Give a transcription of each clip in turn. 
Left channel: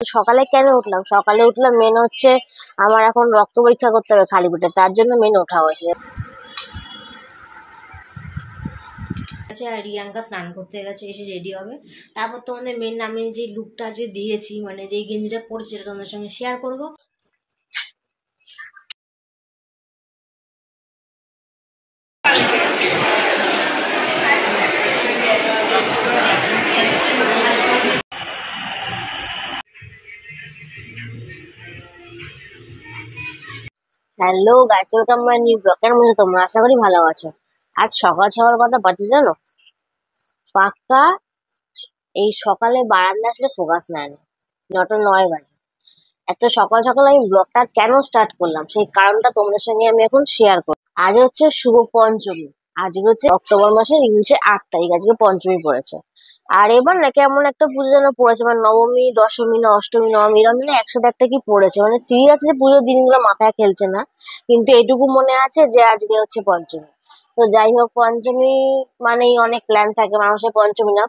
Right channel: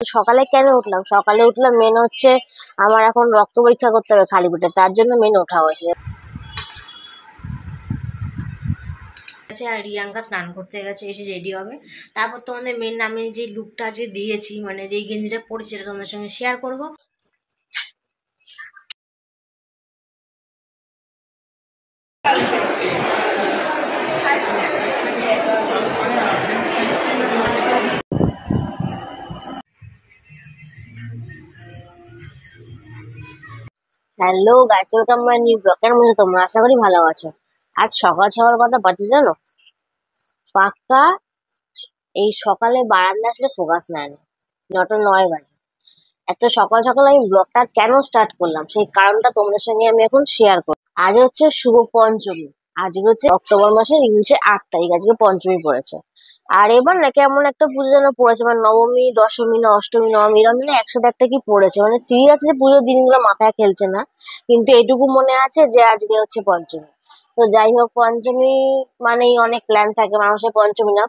সকালে কেন উঠলাম? সকালে উঠলাম মেন হচ্ছে আমার এখন রক্ত পরীক্ষা করতে হবে খালি পেটে, তার জন্য মেন ওঠা হয়েছে। আর রিয়াঙ্কা স্নান করতে গেছে, এসে রেডি হবে। তারপর তোমাদের মেন আমি যে লুকটা যে দিয়েছি, মানে যেই গেঞ্জিটা পরেছি, সেটা তোমাদের সঙ্গে শেয়ার করবো। Hello guys, welcome my new blog. কেমন আছো তোমরা? আশা করি ভালো আছো। আজ সকাল সকাল কটা বাজে জানো? পাক্কা এই সকালে বারান্দা আসলে ফোকাস নেয় না, 9:09 বাজে। এত সকাল সকাল আমি ব্লগটা কেন স্টার্ট করলাম সেই কারণটা তোমাদের সঙ্গে আমি এখন শেয়ার করব। আজ হচ্ছে শুভ পঞ্চমী। আজকে হচ্ছে অক্টোবর মাসের ইংলিশে 8 তারিখ, আজকে পঞ্চমী পড়েছে। আর এবার না কেমন একটা পুজো যেন পড়েছে, মানে নবমী, দশমী, না অষ্টমী, নবমী, এরকম মানে একসাথে একটা কি পড়েছে, মানে সিরিয়াসলি পুজোর দিনগুলো মাথায় খেলছে না। কিন্তু এটুকু মনে আছে যে আজকে হচ্ছে পঞ্চমী। তো যাই হোক, পঞ্চমী মানেই অনেক প্ল্যান থাকে মানুষের। পঞ্চমী না,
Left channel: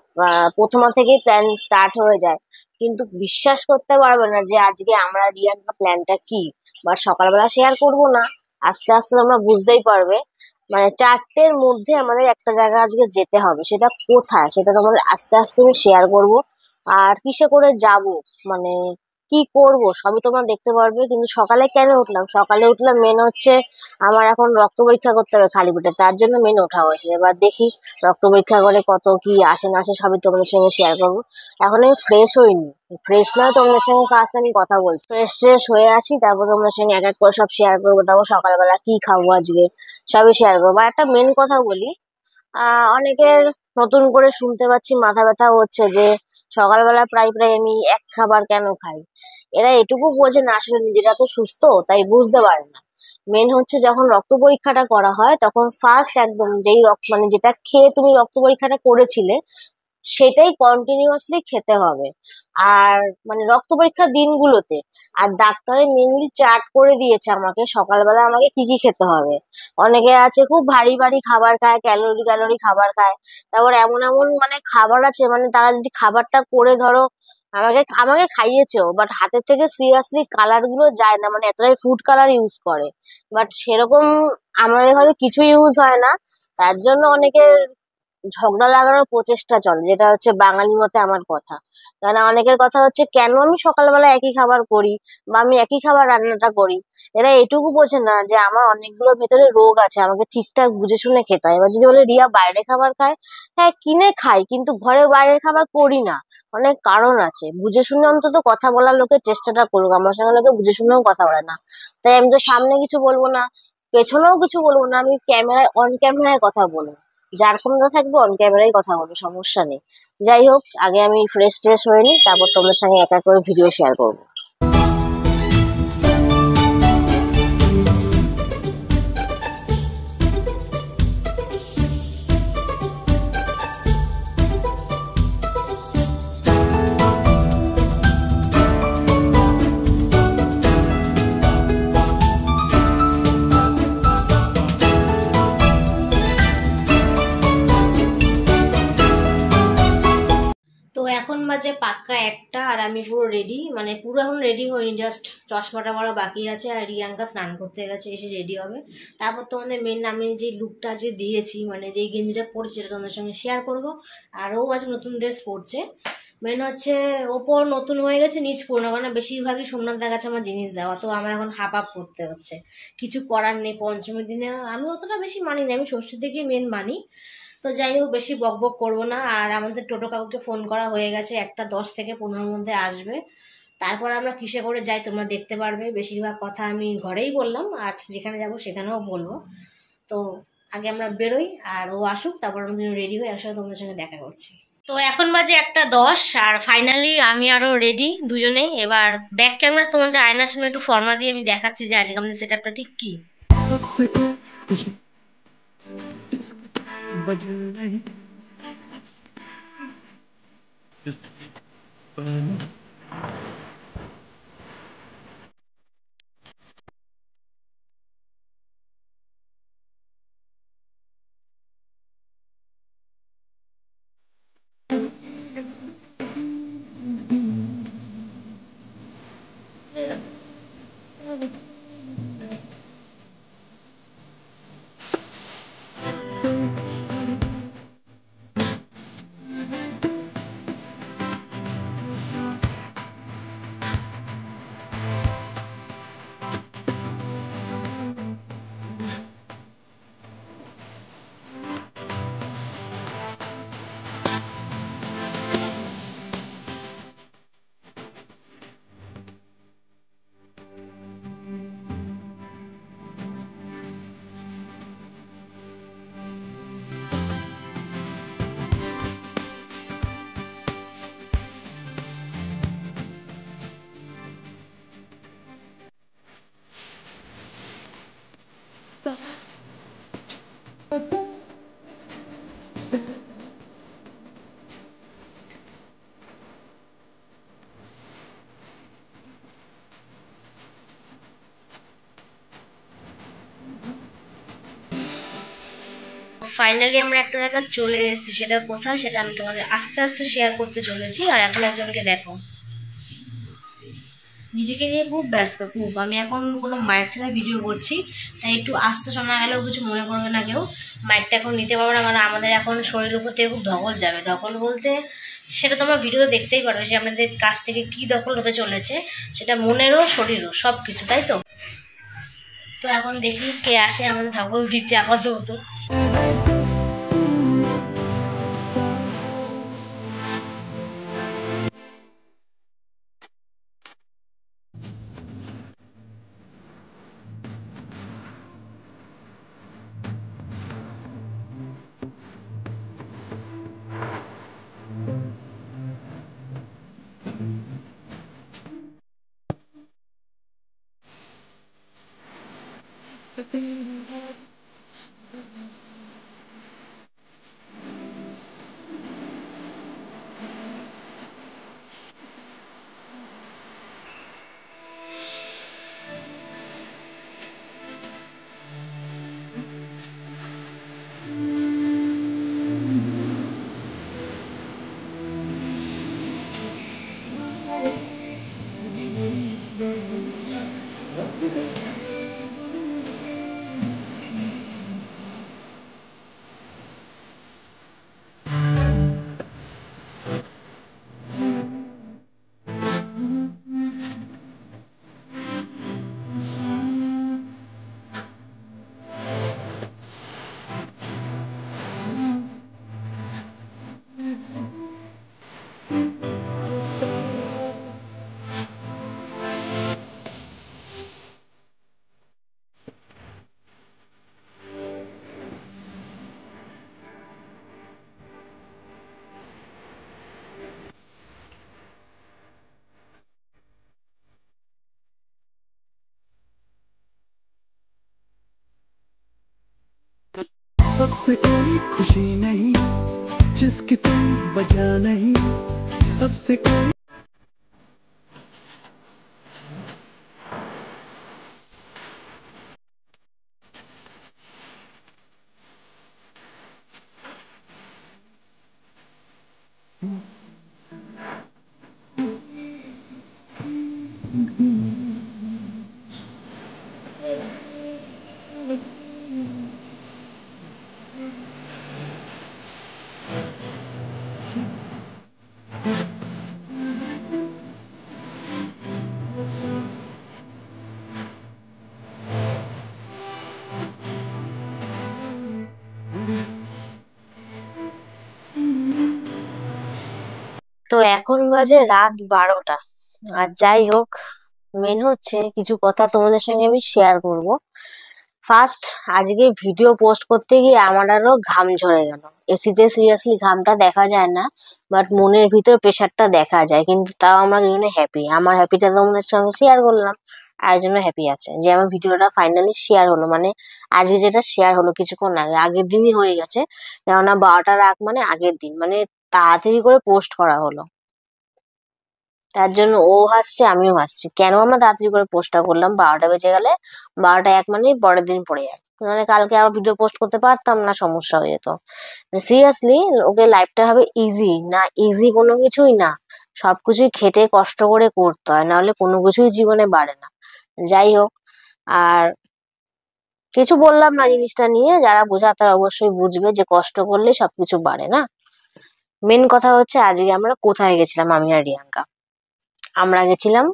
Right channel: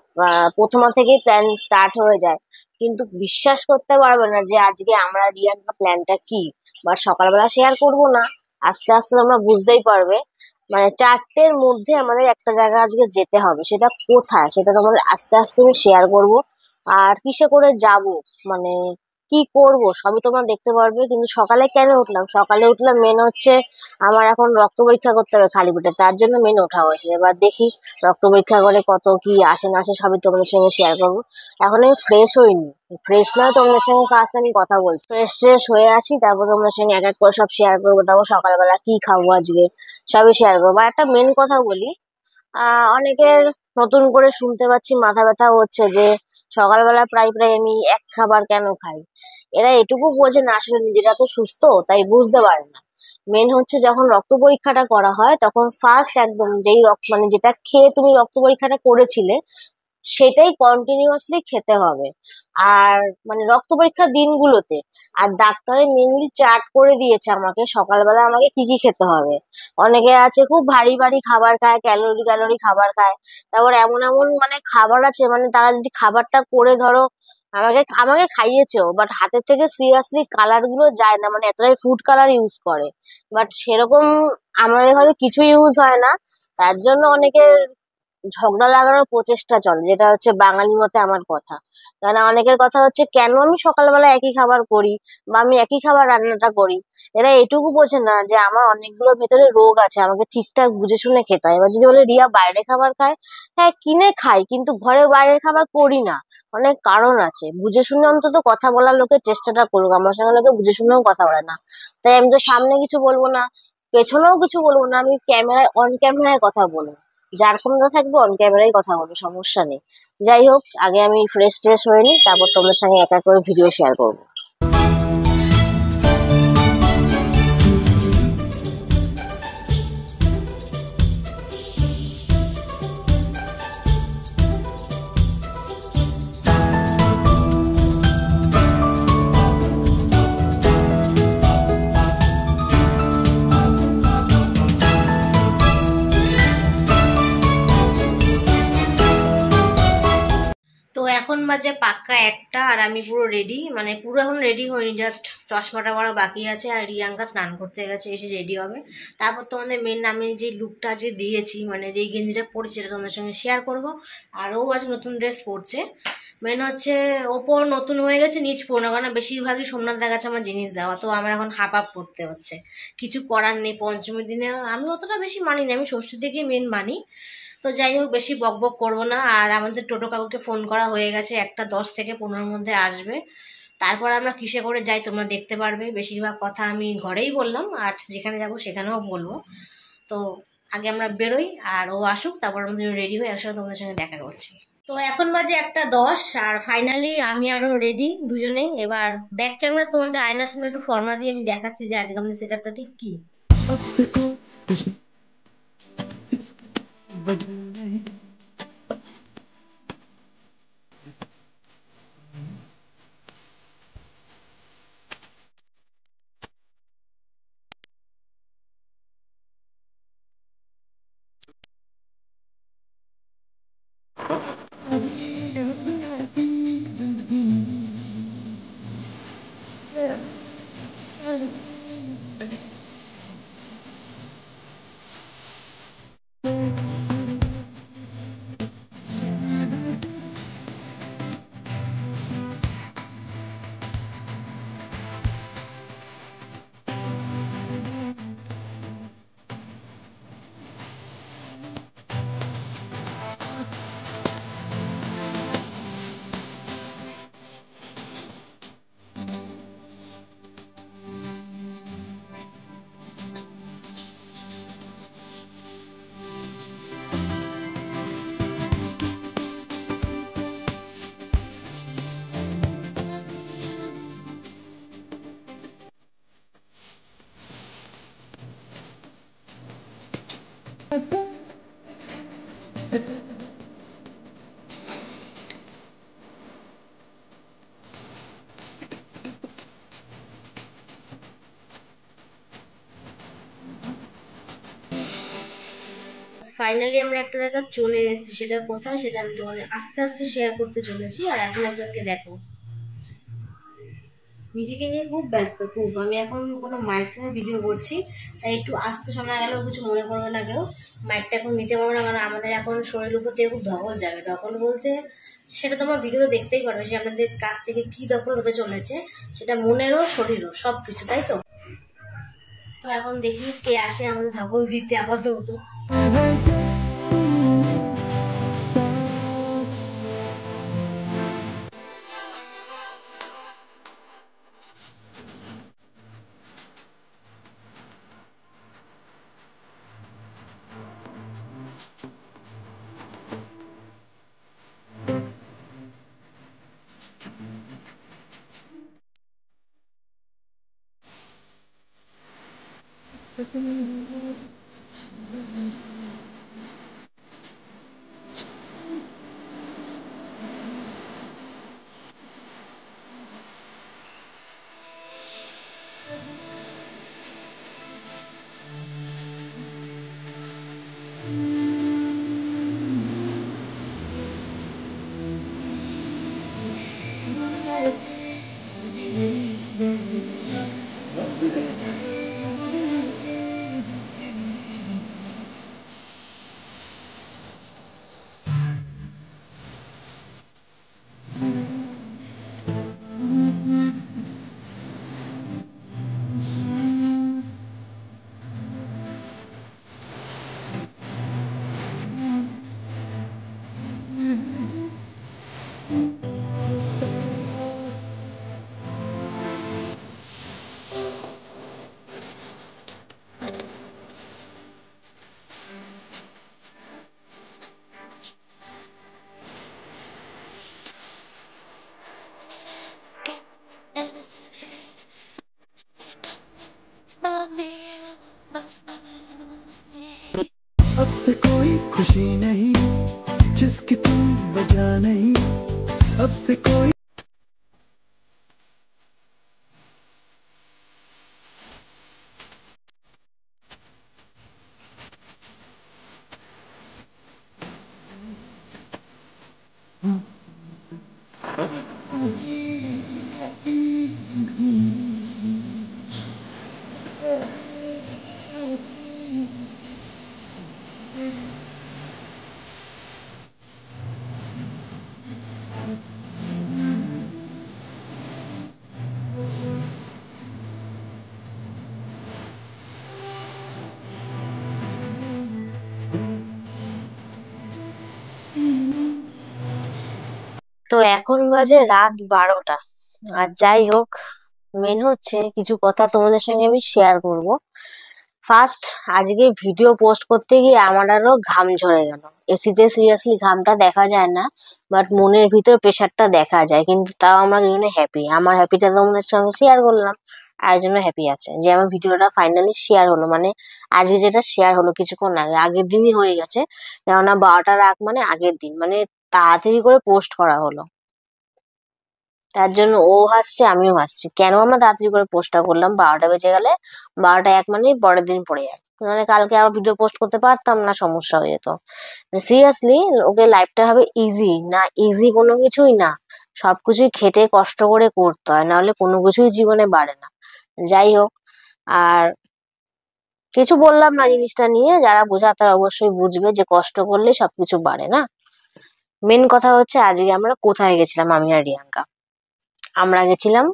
প্রথমা থেকেই প্ল্যান স্টার্ট হয়ে যায়। কিন্তু বিশ্বাস করতে পারবে না যে আজকে আমরা রিয়াঙ্কা প্ল্যানটা কি, বা সকালবেলা শেয়ার করব না, আস্তে আস্তে তোমরা বুঝতেই পারবে। মানে 4টের মধ্যে আমাদের একটা জায়গা আজকে যেতে হবে, সেটা কোথায় সেটা তোমাদের আস্তে আস্তে আমি শেয়ার করব। আর কিসে করে যাব, মানে কি করব সবই তোমরা দেখতে পারবে। কিন্তু সকালে কেন উঠলাম? সকালে উঠলাম মেন হচ্ছে আমার এখন রক্ত পরীক্ষা করতে হবে খালি পেটে, তার জন্য মেন ওঠা হয়েছে। এবার দেখি রক্ত পরীক্ষা করে কত কি আসে না আসে সবই তোমাদের সঙ্গে শেয়ার করবো। এখন আমি ফ্রেশ হইনি, ফ্রেশ নয় তোমাদের সঙ্গে ফার্স্ট আমি কথা বলছি। ফ্রেশ ট্রেশ হয়ে আসি, তারপর তোমাদের সঙ্গে এক এক করে সব শেয়ার করবো। তারপর সকালবেলা কি খাবো আজকে সবই শেয়ার করবো। আর একটা মেন কথা বলি, অনেকের নতুন করে শুনতে পাচ্ছি মাথা ব্যথা হচ্ছে যে সকালবেলা প্রায় প্রায় আমি এক খাবার কেন খাই। এরা এটুকু বোঝে না, আসলে নিজেরা তো সুস্থ, তাই বুঝতে পারে না। মেন হচ্ছে যখন রক্ত পরীক্ষাটা করা হয় তখন ফার্স্ট একদম যেই রক্ত, মানে যেটা খেয়ে তুমি রক্ত পরীক্ষাটা করেছিলে সেটাই কন্টিনিউয়াসলি খেতে হবে। আর মানে রক্ত পরীক্ষার দিনগুলোতে আর ডাক্তারে মেনলি চার্ট করে দিয়েছে আমাকে সকালবেলা আমাকে কি কি খেতে হবে। অনেকে আছে খুব ভারী ভারী খাবার খায়, ক্যালোরি ক্যালোরি খাবার খায়। তারপর এমন এমন মানে খাবার আছে, মানে তারা যদি খাবারটা করে ধরো আমাকে আমাকে খাইয়েছেও, বাট হাতের থেকে সিরিয়াসলি কালার গুলো যায় না, মানে এতটাই ফুড কালার ইউজ করে। বাট সেরকম আমাদের ঘরে কিছু ইউজ হয় না, তার জন্য অনেকের ঝগড়া লাগানোর প্রচেষ্টা চলে, যেটা হচ্ছে বাঙালি মতে আমার কথা। কারণ অনেকের কথা হচ্ছে কেন আমি সকালবেলা একই খাবার করি বা আমি একই খাবার রান্নাটা করি। এরা এটুকু বোঝে না যে আমার অনেকগুলো ভেতরে রোগ আছে, আমাকে ঠিকঠাক বুঝে শুনে খেতে হয়। এবার যদি বলে রিয়া বাইরে খাবার খায়, হ্যাঁ কিনে খাই, কিন্তু ঘরে বাইরের খাবার করি না। অনেক কারণ আছে, বুঝে শুনে অন্তত কথা বলার লোকের চেষ্টাটা করুক। আমার সঙ্গে লোকে বুঝে শুনেও কথা বলে না, তাই আমি তো সামনে কিছু বলবো না, পেছনেও কিছু বলবো না, আমি ক্যামেরায় অন ক্যামেরায় কথা বলবো। যার ক্ষমতা থাকবে অন ক্যামেরায় কথা বলবো, সমস্যা নেই। যাই হোক, আগে আমি ফ্রেশ ট্রেশ হয়ে নিই, তারপর তোমাদের সঙ্গে এক এক করে ভিডিও শেয়ার করবো। তো এখন বাজে পাক্কা 1টা, আর আমি পুরো রেডি, মানে পুরো এখন রেডি হইনি, জাস্ট চশমাটা পরা বাকি আছে। আর রিয়াঙ্কা স্নান করতে গেছে, এসে রেডি হবে। তারপর তোমাদের মেন আমি যে লুকটা যে দিয়েছি, মানে যেই গেঞ্জিটা পরেছি, সেটা তোমাদের সঙ্গে শেয়ার করব। আর ও আজ নতুন ড্রেস পরছে। মেন হচ্ছে ওপর নতুন হয়ে গেছে, নিচ পুরনো, কারণ বেশিরভাগই সোমনাথের কাছে আমার জিনিস দেওয়া, তো আমার এখন হাফ হাফ পড়তে হচ্ছে। কিছু করার নেই, পঞ্চমীর দিনে আমি অতটা বেশি মানি না, আমি ষষ্ঠী থেকে মেন মানি। তো যাই হোক, বেশি বক বক করবো না। আর আমাদের টোটো কাকুকে ফোন করা হয়ে গেছে, 1টা 10 থেকে 15-র মধ্যে আসবে। তারপর আমরা কিসে করে যাই তোমরা দেখতে পারবে। বেশিরভাগ কথা আমি ঘরেই বললাম, আর যেখানে যাব সেখানেও বলবো। তো আগে আমরা বেরোই, আর ও আসুক, তারপর আমাদের রেডি হয়ে একসাথে তোমাদের সঙ্গে দেখা করছি। তো এখন বাজে 1টা 10, আর ফাইনালি আমি আরো রেডি দুজনেই। এবার ব্যাক ক্যামেরা তোমাদের আয়নার সামনে একটু ফর্মা দিয়ে আমি দেখাচ্ছি যে আজকে আমাদের সেট আপটা ঠিক কি। ফাইনালি আমরা একটা জায়গায় চলে এসেছি, সেটা কোথায় সেটা আমি তোমাদের আস্তে আস্তে শেয়ার করতে চলেছি। আর এখন একজনকে দেখো, নিজেকে নিয়ে খুব ব্যস্ত, খুব। আমি এখন কোনো মাইক ছাড়া ভিডিও করছি, তাই একটু আস্তে শোনা গেলেও কিছু মনে করবে না কেউ। মাইকটা এখন নিতে পারবো না, কারণ আমাদের এখন শরীরের উপর থেকে খুব ধকল যাবে। ধকল বলতে সেটা তোমরা ভিডিওতে দেখতেই পারবে যে আমাদের কাছ থেকে কী দখল হতে চলেছে, সেটা মনেরও শরীরও সব কিছু, তাই তো। তো এখন দেখি কে আসে আমাদের ধকল দিতে আপাতত। अब से कोई खुशी नहीं जिसकी तुम वजह नहीं अब से कोई তো এখন বাজে রাত 12টা। আর যাই হোক, মেন হচ্ছে কিছু কথা তোমাদের সঙ্গে আমি শেয়ার করব। ফার্স্ট, আজকে ভিডিও পোস্ট করতে গিয়ে আমার আরো ঘাম ঝরে গেল। এসিতে সিরিয়াসলি ঘামটা দেখা যায় না, বাট মনের ভিতর প্রেশারটা দেখা যায়। কিন্তু তাও আমরা দুজনে হ্যাপি। আমার হ্যাপিটা তোমাদের সঙ্গে শেয়ার করলাম, আর একজন হ্যাপি আছে যে আমার ভিডিওটা ফাইনালি শেয়ার হলো। মানে আজকে যেটা শেয়ার হলো কিছুক্ষণ আগে, আগের দিনই হয়ে গেছে, কেননা 12টার আগ মানে আগের দিন, মানে তাড়াতাড়ি করে পোস্ট করা হলো। তার জন্য ও হাসছে, আমিও হাসছি। কেন আমরা তাড়াতাড়ি করে পোস্টটা করলাম? 12টা বেজে গেলে 12টা 1 মানেই পরের দিন পড়ে যায়, মানে কালকে আবার ভিডিও পোস্ট করতে পারতাম না, সমস্যা হয়ে যেত। সিরিয়াসলি ওকে লাইফটা হবে ইজি না, ইজি কোনো কিছুই না। সবকিছুই খেটে কষ্ট করে করতে হয়, নাহলে কোনো কিছুই জীবনে বাড়ে না। যাই হোক, আর কিছু বললাম না জিনিসটা নিয়ে। যারা বোঝা তারা অবশ্যই বুঝবে যে কষ্ট করলে সবকিছু বাড়ে না। মেন কথা হচ্ছে আজকে আমরা কোথায় গেছিলাম, আমি আর রিয়াঙ্কা। আমরা গেছিলাম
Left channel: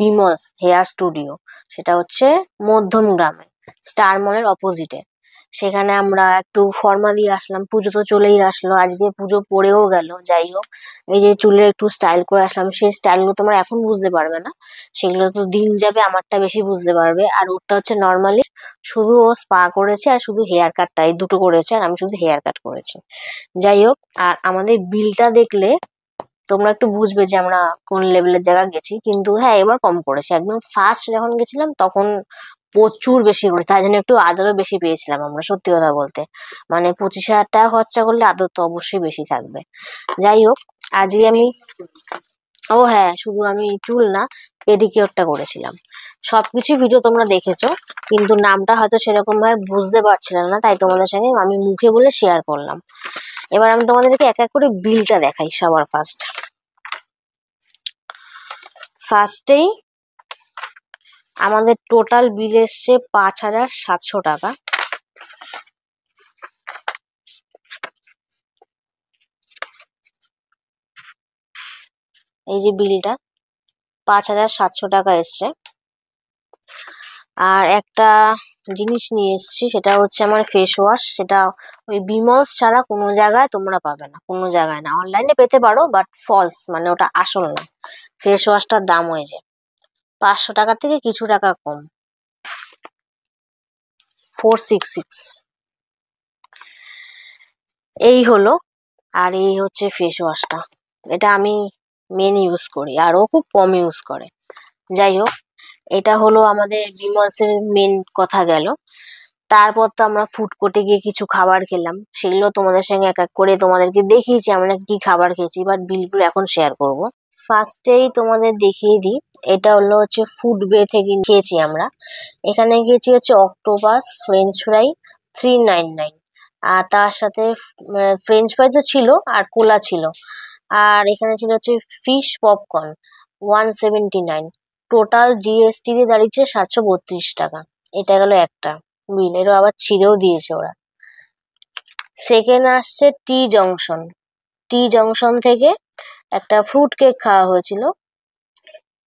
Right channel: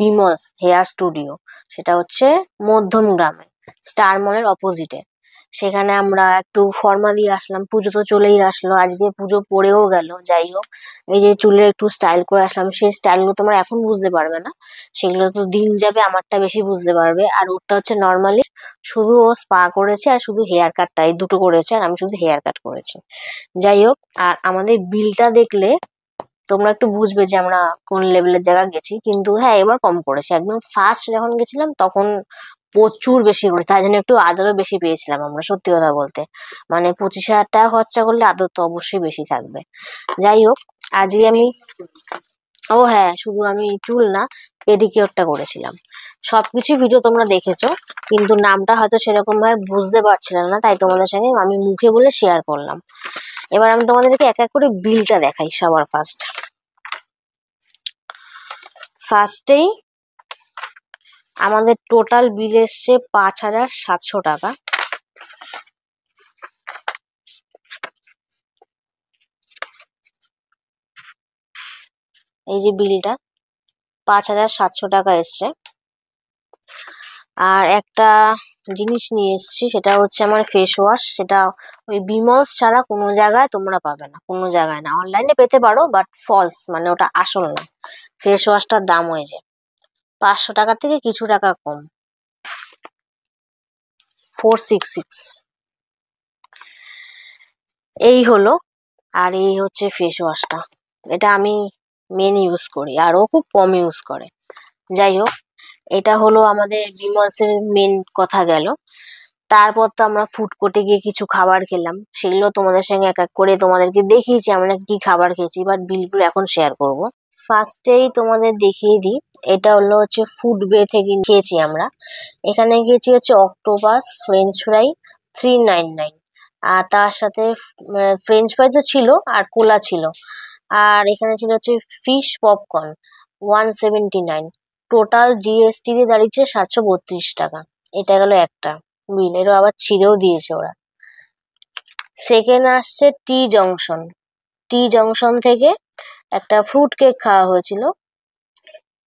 বিমলস হেয়ার স্টুডিও, সেটা হচ্ছে মধ্যম গ্রামে, স্টার মলের অপোজিটে। সেখানে আমরা একটু ফর্মা দিয়ে আসলাম, পুজো তো চলেই আসলো, আজকে পুজো পড়েও গেল। যাই হোক, এই যে চুলের একটু স্টাইল করে আসলাম, সেই স্টাইলগুলো তোমরা এখন বুঝতে পারবে না, সেগুলো তো দিন যাবে, আমারটা বেশি বুঝতে পারবে। আর ওটা হচ্ছে নর্মালি শুধু ও স্পা করেছে আর শুধু হেয়ার কাটটা, এই দুটো করেছে, আর আমি শুধু হেয়ার কাট করেছি। যাই হোক, আর আমাদের বিলটা দেখলে তোমরা একটু বুঝবে যে আমরা কোন লেভেলের জায়গা গেছি। কিন্তু হ্যাঁ, এবার কম পড়েছে। একদম ফার্স্ট যখন গেছিলাম তখন প্রচুর বেশি করে, তাই জন্য একটু আদরও বেশি পেয়েছিলাম আমরা, সত্যি কথা বলতে। মানে 25,000 টাকা খরচা করলে আদর তো অবশ্যই বেশি থাকবে। যাই হোক, আজকে আমি ও হ্যাঁ, শুধু আমি চুল না, পেডিকিওরটা করেছিলাম। সবকিছু ভিডিও তোমরা দেখেছো, কিন্তু নামটা হয়তো সেরকম ভাবে বুঝতে পারছিলাম না, তাই তোমাদের সঙ্গে আমি মুখে বলে শেয়ার করলাম। এবার আমি তোমাদেরকে এক এক করে বিলটা দেখাই। সবার ফার্স্টেই আমাদের টোটাল বিল এসছে 5,700 টাকা। এই যে বিলটা 5,700 টাকা এসছে। আর একটা জিনিস নিয়ে এসেছি, সেটা হচ্ছে আমার ফেস ওয়াশ। সেটা ওই বিমলস ছাড়া কোনো জায়গায় তোমরা পাবে না, কোনো জায়গায় না। অনলাইনে পেতে পারো, বাট ফলস, মানে ওটা আসল না। ফেস ওয়াশটার দাম হয়েছে 500 টাকা থেকে কিছু টাকা কম, 466। এই হলো। আর এই হচ্ছে ফেস ওয়াশটা, এটা আমি মেন ইউজ করি, আর ও খুব কম ইউজ করে। যাই হোক, এটা হলো আমাদের বিমলসের মেন কথা গেল। তারপর তো আমরা ফুড কোর্টে গিয়ে কিছু খাবার খেলাম, সেগুলো তোমাদের সঙ্গে এক এক করে তোমাদেরকে দেখিয়েছি আমরা কি খাবার খেয়েছি, বাট বিলগুলো এখন শেয়ার করব। ফার্স্টেই তোমাদের দেখিয়ে দিই, এটা হচ্ছে ফুড বে থেকে খেয়েছি আমরা। এখানে খেয়েছি হচ্ছে অক্টোপাস ফ্রেঞ্চ ফ্রাই, 399। আর তার সাথে ফ্রেঞ্চ ফ্রাই তো ছিল, আর কোলা ছিল। আর এখানে ছিল হচ্ছে ফিশ পপকর্ন, 179। টোটাল জিএসটি দিয়ে দাঁড়িয়েছে 732 টাকা। এটা গেল একটা বিল, এরও আবার ছিঁড়েও দিয়েছে ওরা। সেকেন্ড আসছে টি জংশন থেকে একটা ফ্রুট কেক খাওয়া হয়েছিল,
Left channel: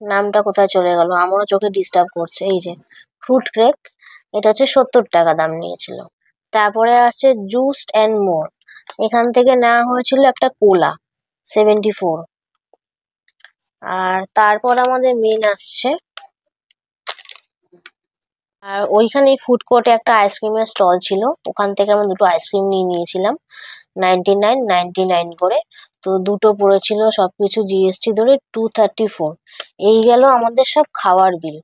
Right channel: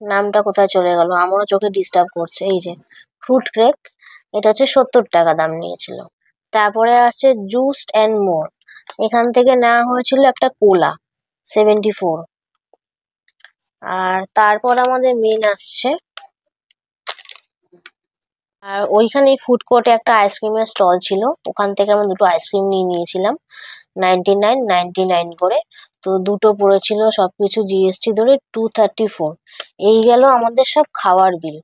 নামটা কোথায় চলে গেল, আমারও চোখে ডিস্টার্ব করছে। এই যে ফ্রুট কেক, এটা হচ্ছে 70 টাকা দাম নিয়েছিল। তারপরে আসছে জুস্ট অ্যান্ড মোর, এখান থেকে নেওয়া হয়েছিল একটা কোলা, 74। আর তারপর আমাদের মেন আসছে, আর ওইখানে ফুড কোর্টে একটা আইসক্রিমের স্টল ছিল, ওখান থেকে আমরা দুটো আইসক্রিম নিয়ে নিয়েছিলাম 99 করে। তো দুটো পড়েছিল সবকিছু জিএসটি ধরে 234। এই গেল আমাদের সব খাওয়ার বিল।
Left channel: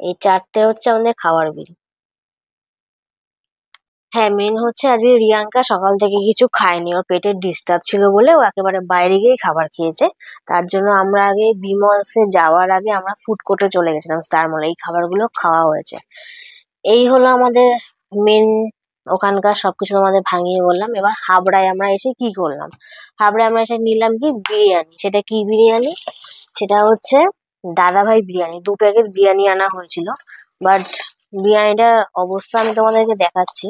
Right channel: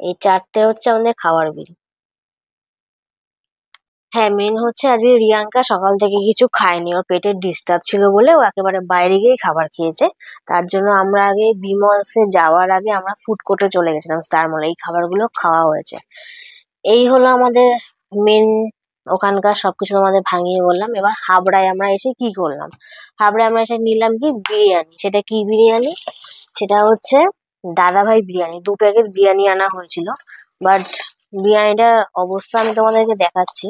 এই চারটে হচ্ছে আমাদের খাওয়ার বিল। হ্যাঁ, মেন হচ্ছে আজকে রিয়াঙ্কা সকাল থেকে কিছু খায়নি, ওর পেটের ডিস্টার্ব ছিল বলে ও একেবারে বাইরে গিয়েই খাবার খেয়েছে। তার জন্য আমরা আগে বিমলসে যাওয়ার আগে আমরা ফুড কোর্টে চলে গেছিলাম, স্টার মলে, এই খাবারগুলো খাওয়া হয়েছে। এই হলো আমাদের মেন, ওখানকার সবকিছু তোমাদের ভাঙিয়ে বললাম। এবার হাবড়ায় আমরা এসে কি করলাম, হাবড়ায় আমরা এসে নিলাম কি বিরিয়ানি। সেটা কি বিরিয়ানি, সেটা হচ্ছে দাদাভাই বিরিয়ানি। 2 প্যাকেট বিরিয়ানি আনা হয়েছিল, বাট বিরিয়ানিটার অবস্থা আমি তোমাদেরকে দেখাচ্ছি।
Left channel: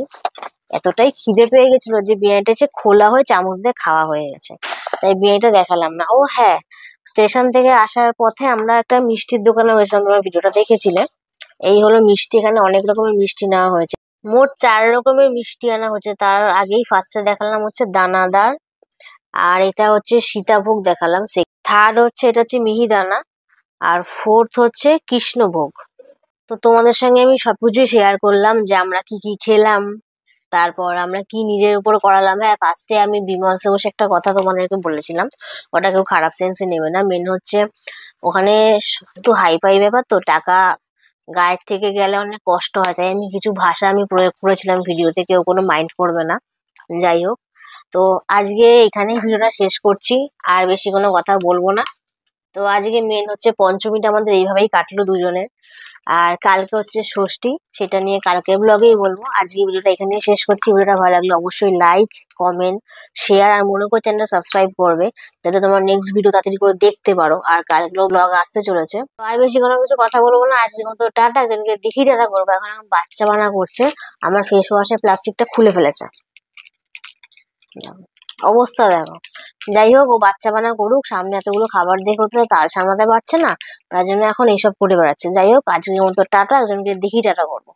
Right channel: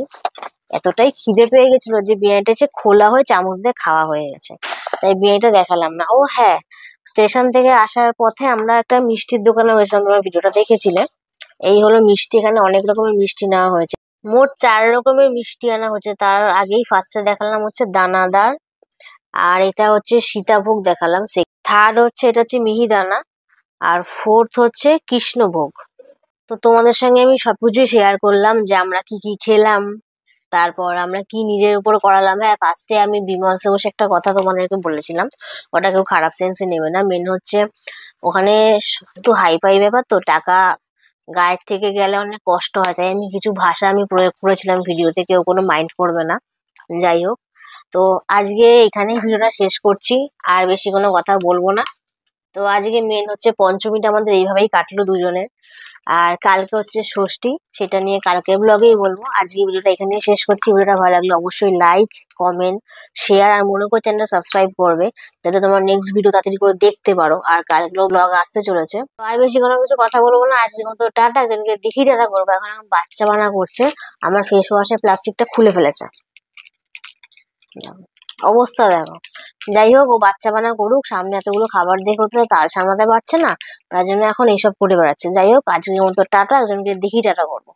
এতটাই খিদে পেয়ে গেছিল যে বিরিয়ানিটা এসে খোলা হয়ে চামচ দিয়ে খাওয়া হয়ে গেছে, তাই বিরিয়ানিটা দেখালাম না। ও হ্যাঁ, স্টেশন থেকে আসার পথে আমরা একটা মিষ্টির দোকানে গেছিলাম, তোমরা ভিডিওটা দেখেছিলে। এই হলো মিষ্টি, এখানে অনেক রকমের মিষ্টি নেওয়া হয়েছে, মোট 4 রকমের মিষ্টি আনা হয়েছে। তার আগেই ফার্স্টে দেখালাম হচ্ছে দানাদার, আর এটা হচ্ছে সীতাভোগ দেখালাম। থার্ড হচ্ছে, এটা হচ্ছে মিহিদানা, আর ফোর্থ হচ্ছে কৃষ্ণভোগ। তো তোমাদের সঙ্গে আমি সবকিছুই শেয়ার করলাম যে আমরা কি কি খেলাম, তারপর আমরা কি নিজের উপর করালাম। হ্যাঁ, ফার্স্টে আমি বিমলসে বসে একটা কথা তোমাদেরকে বলেছিলাম, ওটা কেউ খারাপ সেন্সে নেবে না। মেন হচ্ছে ওখানে একটু হাই ফাই ব্যাপার, তো টাকা গায়ের থেকে গেলে অনেক কষ্ট হয়, তাই আমি কিছু ভাষা আমি প্রয়োগ করেছিলাম ভিডিওতে, কেউ কোনো মাইন্ড করবে না। যাই হোক, তো আজকে এখানেই ভিডিওটা শেষ করছি, আর বেশি কোনো কথা বলবো না। তো আজকে মেন হচ্ছে পঞ্চমীটা আমাদের এইভাবেই কাটলো দুজনের। আর কালকে হচ্ছে ষষ্ঠী, সেটা নিয়ে কালকে ব্লগেই বলবো। আজকে ভিডিওটা এখানেই শেষ করছি। ভিডিওটা ভালো লাগলে অবশ্যই লাইক, কমেন্ট, শেয়ার, আর মনে করে চ্যানেলটা সাবস্ক্রাইব করবে, যাতে তোমার নেক্সট ভিডিও তাড়াতাড়ি করে দেখতে পারো। আর কালকেও ব্লগ আসতে চলেছে। তো আর বেশি কোনো কিছু কথা বলবো না, আজকের মতো টাটা। একজনকে দেখি টাটা করবো। এখন আমার বাচ্চা বানা করছে, আমার ফেস ওয়াশের প্লাস্টিকটা খুলে ফেলেছে, অবস্থা দেখো। যাই হোক, ও বাচ্চা বানা করুক, সামনে এতগুলো খাবার দেখে তো তার সামলাতে পারছে না, তার জন্য এখন এইসব করে বেড়াচ্ছে। যাই হোক, আজকের মতো টাটা, একজনকে দেখি টাটা করবো।